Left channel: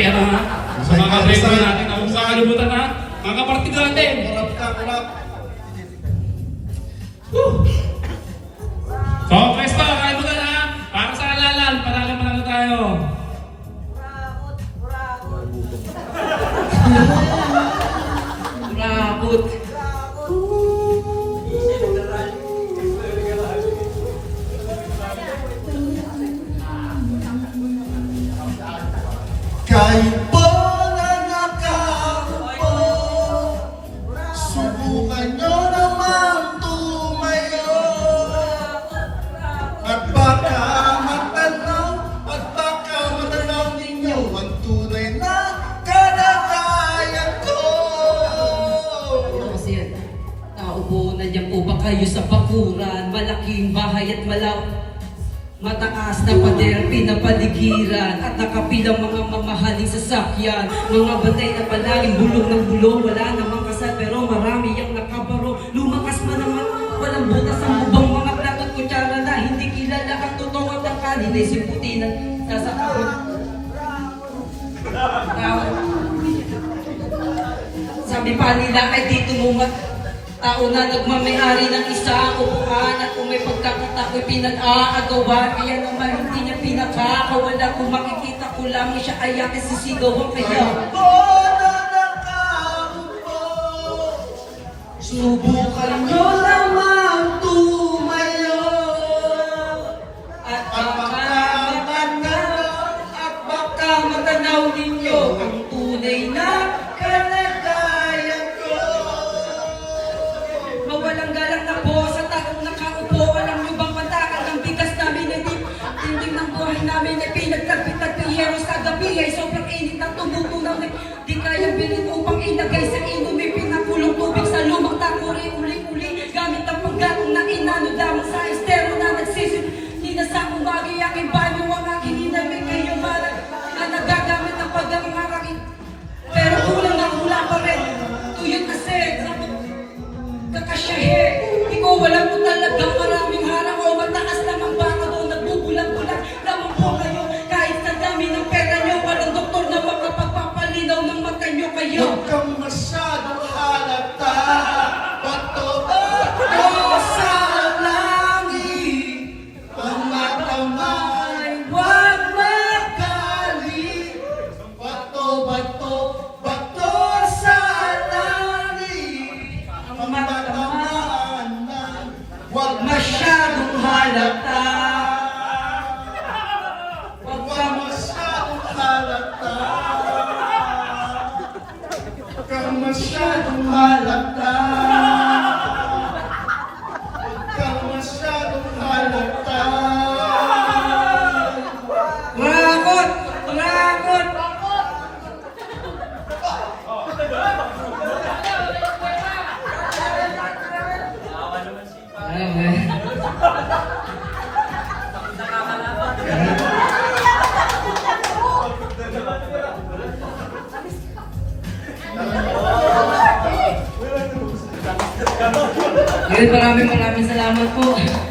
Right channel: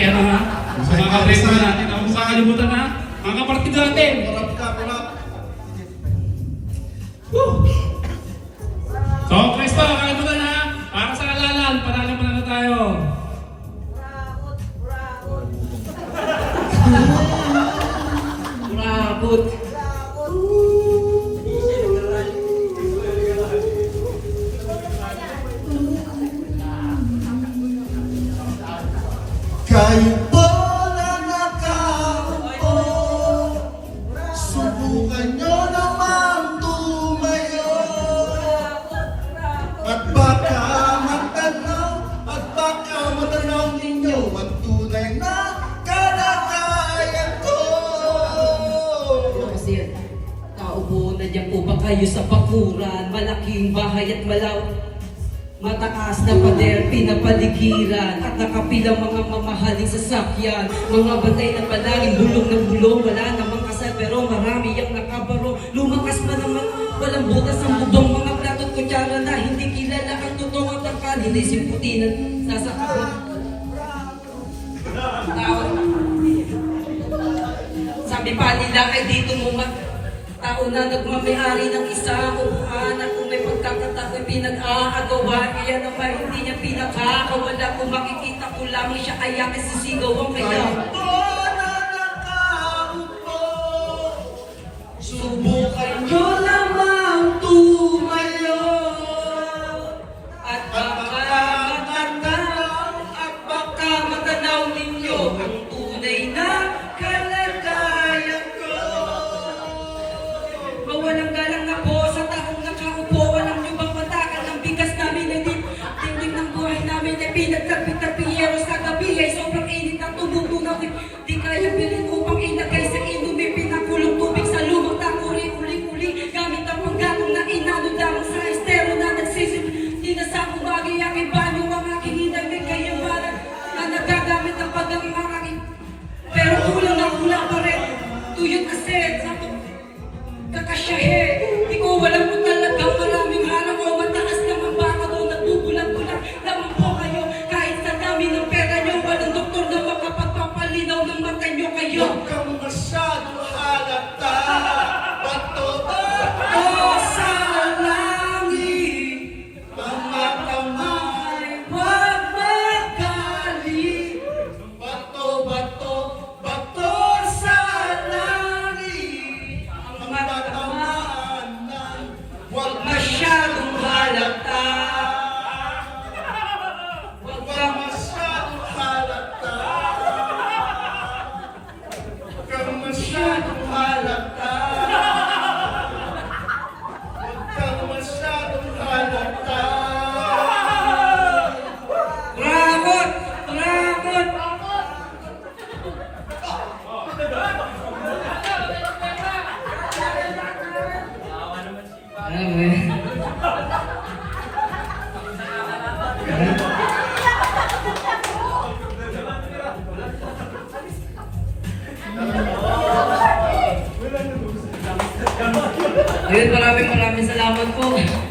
pera ha. Sa mga kapatid natin, huwag sa kalimutan ha. Mga kapatid natin. Kurap ka, kurap. So, pwesto, kain mo na ha. Para sa alalan, panalo tayo. Brabot. Kayo po na nakaupo, subukan nyo naman tumayo. At baka matanaw ninyo ang tunay na kalagayan ko. Kasi yan, tao po, nandiyan po ba kayo sa bakuran? Malaking bahay at mataas na pader, pinapaligiran at nakapilang mga mamahaling sasakyan, mga batay na palaging bulong ng bulong, wala namang kasal pero marami ang nakabaro, lumakas pa naman, walang butas ang bubong, mga plato at kutsara na hindi kilala ang totoong ang kanin ay simputinan, sasakapon. Sabi pa nila ay dito mo tao na nagmamayari ng isang upuan at kung may pagkakatao'y pinag-aagawa kaya naman hindi niya pinagkakawala kung makikita ko lamang siya ay ang sisigawan kaya subukan nyo lamang tumayo at baka matanaw ninyo ang tunay na kalagayan ko. Mawalang galang na po sa taong nakaupo. Walang lubang matakan ng bigas namin ay dinding ng buhay namin ay pinagtagpit-tagpiyero sa gabi ay sobrang init at tumutunaw di kayang bilhin upang ilagay sa imo may pinakulong tubig sa lumang takuri uli-uli gamit ang paggatong na inano damang sa estero na nagsisip di na sa kumagi aking banyo ang aking hinay may kanyang barang na nagagamit ang pag-aangarakin pero ulang na ula pa rin tuyot kasi kakasyahe, di ko walang po talagang maraming harang o mataas lang ang baka doon nagbubulang-bulang lamang po kayo kahit sa dami ng pera nyo walang doktor na makapagpapalinaw ng mata nyo kayo. Huwag kang masyado halata, bato sa langit, ang matamay, huwag magali. Bato sa langit, ang matamaan lang, huwag Masyadong halata. Huwag kang masyadong halata. Huwag kang masyadong halata. Huwag kang masyadong halata. Rakot! Rakot! Alam mo Ngayon, maraming salamat po.